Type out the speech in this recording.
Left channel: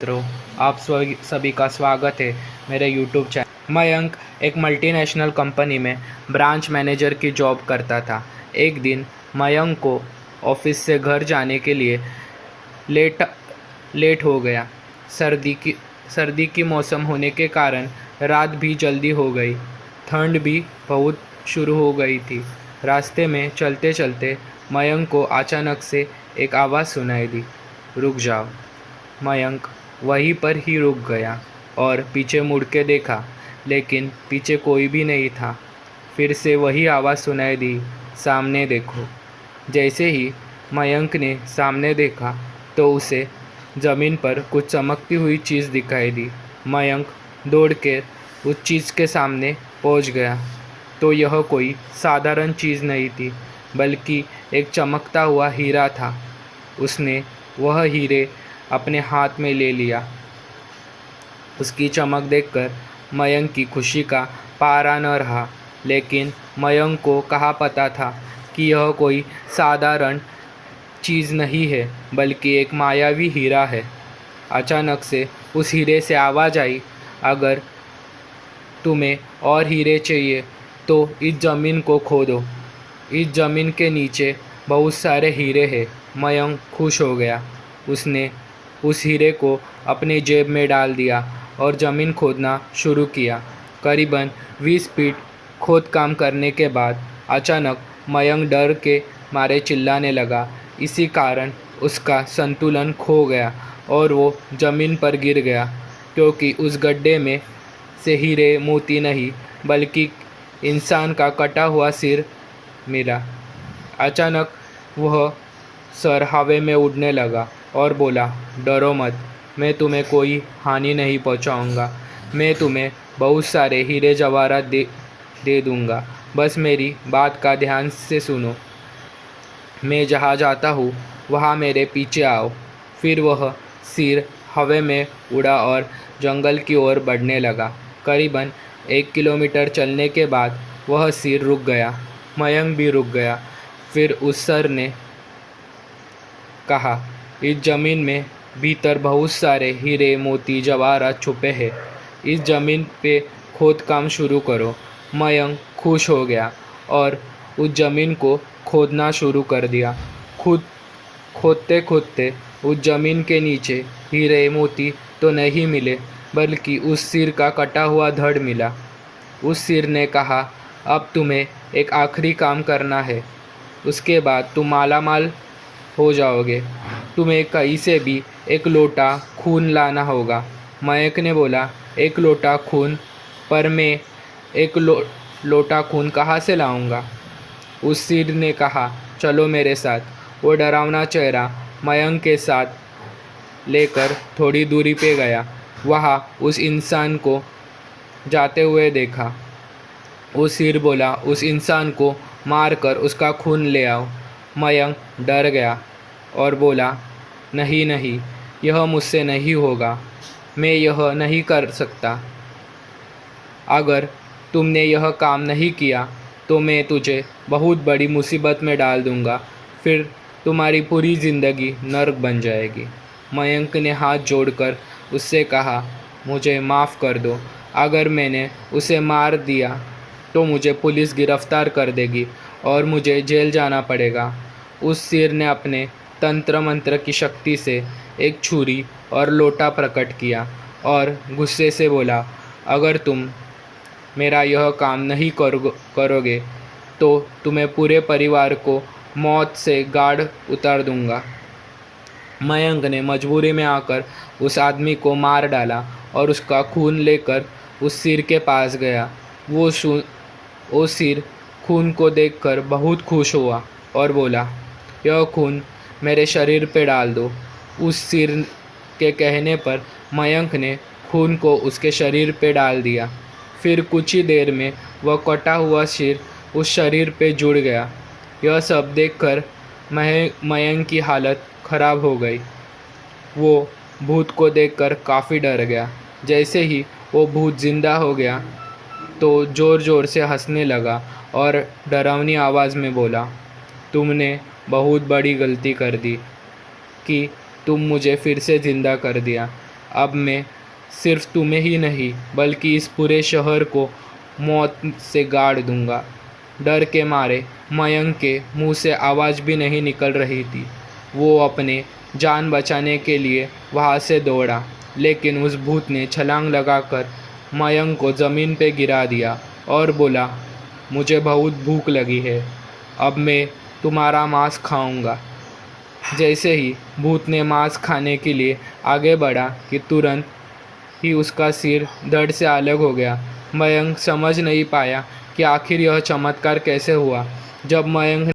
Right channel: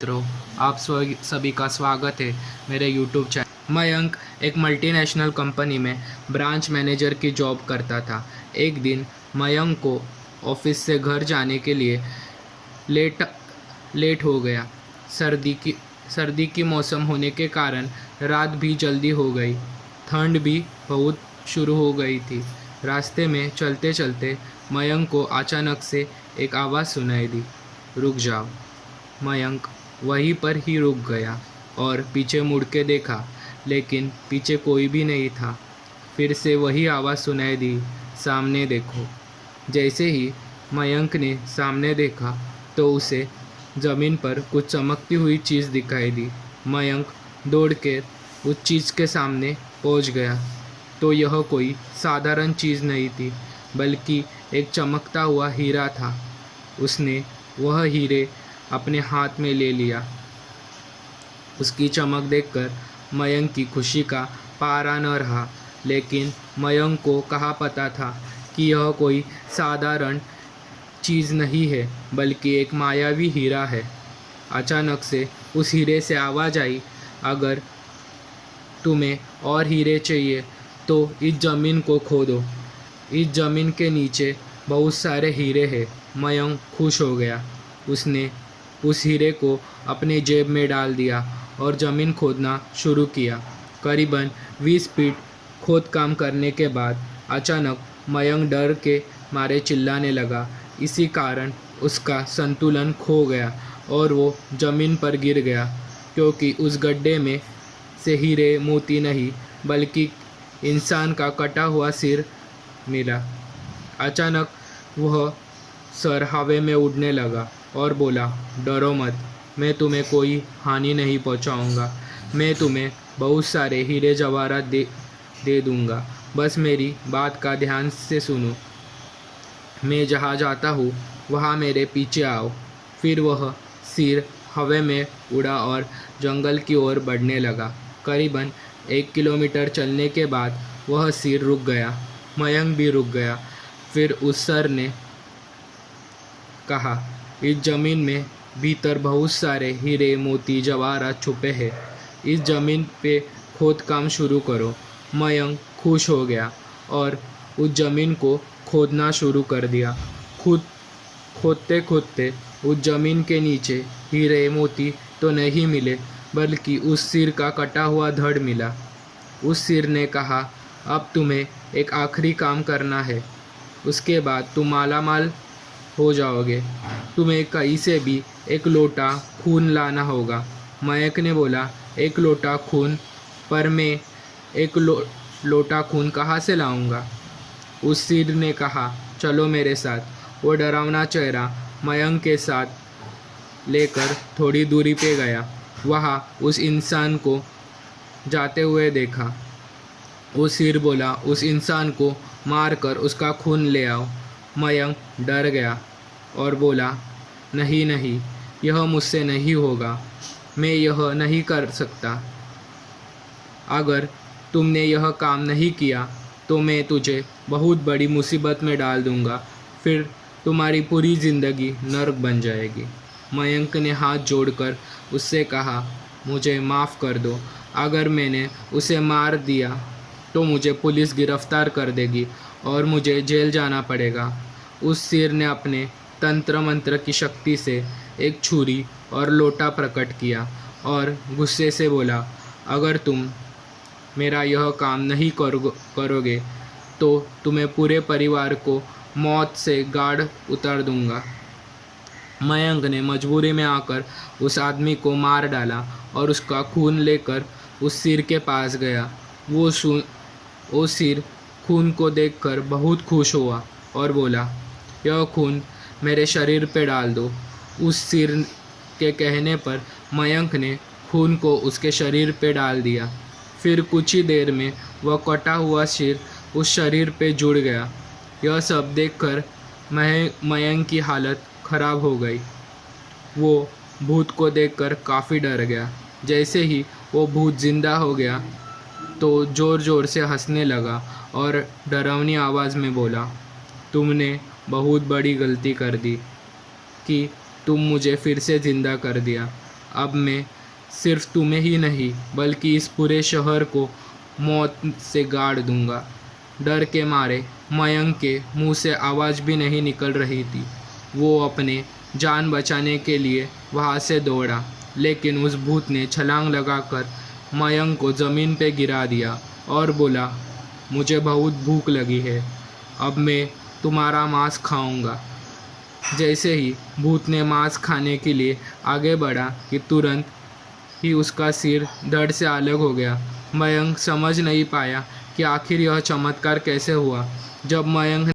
मित्रों, आप सभी का स्वागत है मेरे यूट्यूब चैनल। मयंक एक मल्टीनेशनल कंपनी में ब्रांच मैनेजर की जॉब करता था। एक दिन मयंक को ऑफिस से घर जाने के लिए लेट लेट हो गया। सर्दी की मौसम होने के कारण रात भी जल्दी हो गई। ठंड भी बहुत शुरू हो गई थी। रास्ते में चलते चलते मयंक को अचानक से एक आवाज़ सुनाई दी, रुक जाओ। मयंक वहीं पर ही रुक गया और पीछे मुड़ के देखा, लेकिन पीछे कोई भी नहीं था। फिर से वही आवाज़ सुनाई दी, सामने देखो। जैसे ही मयंक ने सामने देखा तो उसे ज़मीन पर कुछ चमकती हुई चीज़ दिखाई दी। मयंक दौड़ कर उस चीज़ के सामने पहुंच गया तो यह कोई साधारण चीज़ नहीं थी, बल्कि एक चमकता हुआ हीरा था। उसने वह हीरे अपने हाथ में ले लिया। उसकी चमक देखकर मयंक की खुशी का पारा न रहा, लेकिन मयंक को कहाँ पता था कि यह कोई साधारण चीज़ नहीं है, बल्कि एक मायावी हीरा है। अचानक से उस हीरे से आवाज़ आई, अगर तुम्हें और हीरे चाहिए तो इस ज़मीन को खोदो। इस ज़मीन के नीचे बहुत सारे हीरे हैं। मयंक खुश हो गया। उसने उस हीरे को अपने जेब में डाल दिया और ज़मीन खोदना शुरू किया। करीबन 20 फीट खोद काम करने के बाद अचानक मयंक डर के मारे चिल्लाने लगा। इसी कारण उसका संतुलन खो गया और वो ज़मीन पर गिर गया, क्योंकि उस गड्ढे में से हीरे मोती नहीं बल्कि इंसान का कटा हुआ सिर मिला। अचानक वह सर हवा में उड़ने लगा और बोला, डरो मत, मैं तुम्हें कोई हानि नहीं पहुंचाऊंगा। मैं तुम्हें बहुत सारे हीरे जवाहरात दे दूंगा। बस मेरी बात का ध्यान से सुनो। मैं जहाँ जाता हूँ वहाँ मेरे पीछे आओ। फिर वह सिर हवा में उड़ा और जंगल की ओर बढ़ने लगा। करीबन 1 किलोमीटर चलने के बाद वह सिर रुक गया। मयंक भी रुक गया। फिर उस सर ने कहा, इस ज़मीन में भीतर बहुत सारे हीरे मोती जवाहरात छुपे हैं। इस ज़मीन पे खोद काम शुरू करो। मयंक खुश हो गया और उस ज़मीन को खोदना शुरू कर दिया। खोदते खोदते उस ज़मीन के नीचे हीरे मोती तो नहीं मिले, बल्कि उस सिर का कटा हुआ धड़ मिला। उस सिर ने कहा, अब तुम्हें एक आखिरी काम करना है, उसके बाद तुम मालामाल हो जाओगे। तुम्हें कहीं से भी एक लोटा खून लाना होगा। मयंक ने बोला, एक लोटा खून? पर मैं एक लोटा खून कहाँ से लाऊंगा? उस सिर ने कहा, चलो मेरे साथ। वो डरावना चेहरा मयंक के साथ लेकर थोड़ी दूरी पे गया। वहाँ उस इंसान को जाते हुए देखा। वो सिर बोला, उस इंसान को मारकर उसका खून ले आओ। मयंक डर गया और बोला, नहीं नहीं, यह मुझसे नहीं होगा। मैं यह नहीं कर सकता। अगर तुमने यह काम नहीं किया तो मैं तुझे बहुत बड़ी मुसीबत में डाल दूंगा। फिर तुम्हारी पूरी ज़िंदगी नर्क बन जाएगी। मयंक ने हाथ जोड़कर उससे कहा, मुझे माफ़ कर दो। अगर मैंने उसे मार दिया तो मुझे पुलिस गिरफ्तार कर देगी और मुझे जेल जाना पड़ेगा। उस सिर ने अपने तंत्र मंत्र की शक्ति से एक छुरी और लोटा प्रकट किया और गुस्से से बोला, अगर तुम मेरा यह काम नहीं करोगे तो तुम्हें पूरे परिवार को मौत से गाड़ उतार दूंगा। मयंक ने मजबूरी में आकर उस आदमी को मार डाला और उसका खून लेकर उस सिर के पास गया। वो सिर खून को देखकर बहुत खुश हुआ और बोला, यह खून मेरे शरीर पे डाल दो। उस सिर के कहने पर मयंक ने खून को उसके शरीर पे डाल दिया। फिर कुछ ही देर में वह कटा हुआ सिर उस शरीर पे जुड़ गया। यह सब देखकर मयंक की हालत खराब हो गई। वो भूत को देखकर काफ़ी डर गया। जैसे ही वो भूत जिंदा हो गया तो ज़ोर ज़ोर से हंसने लगा और डरावनी आवाज़ में बोला, तुमने बहुत बड़ी गलती कर दी कि तुम मुझे फिर से ज़िंदा कर दिया। अब मैं सिर्फ तुम्हें ही नहीं बल्कि इस पूरे शहर को मौत से गाड़ दूंगा। डर के मारे मयंक के मुंह से आवाज़ भी नहीं निकल रही थी। वो अपने जान बचाने के लिए वहाँ से दौड़ा, लेकिन उस भूत ने छलांग लगाकर मयंक को ज़मीन पे गिरा दिया और बोला, मुझे बहुत भूख लगी है, अब मैं तुम्हारा मांस खाऊंगा। जैसे ही भूत ने मांस खाने के लिए आगे बढ़ा कि तुरंत ही उसका सिर धड़ से अलग हो गया। मयंक समझ नहीं पाया कि आखिर यह चमत्कार कैसे हुआ। जब मयंक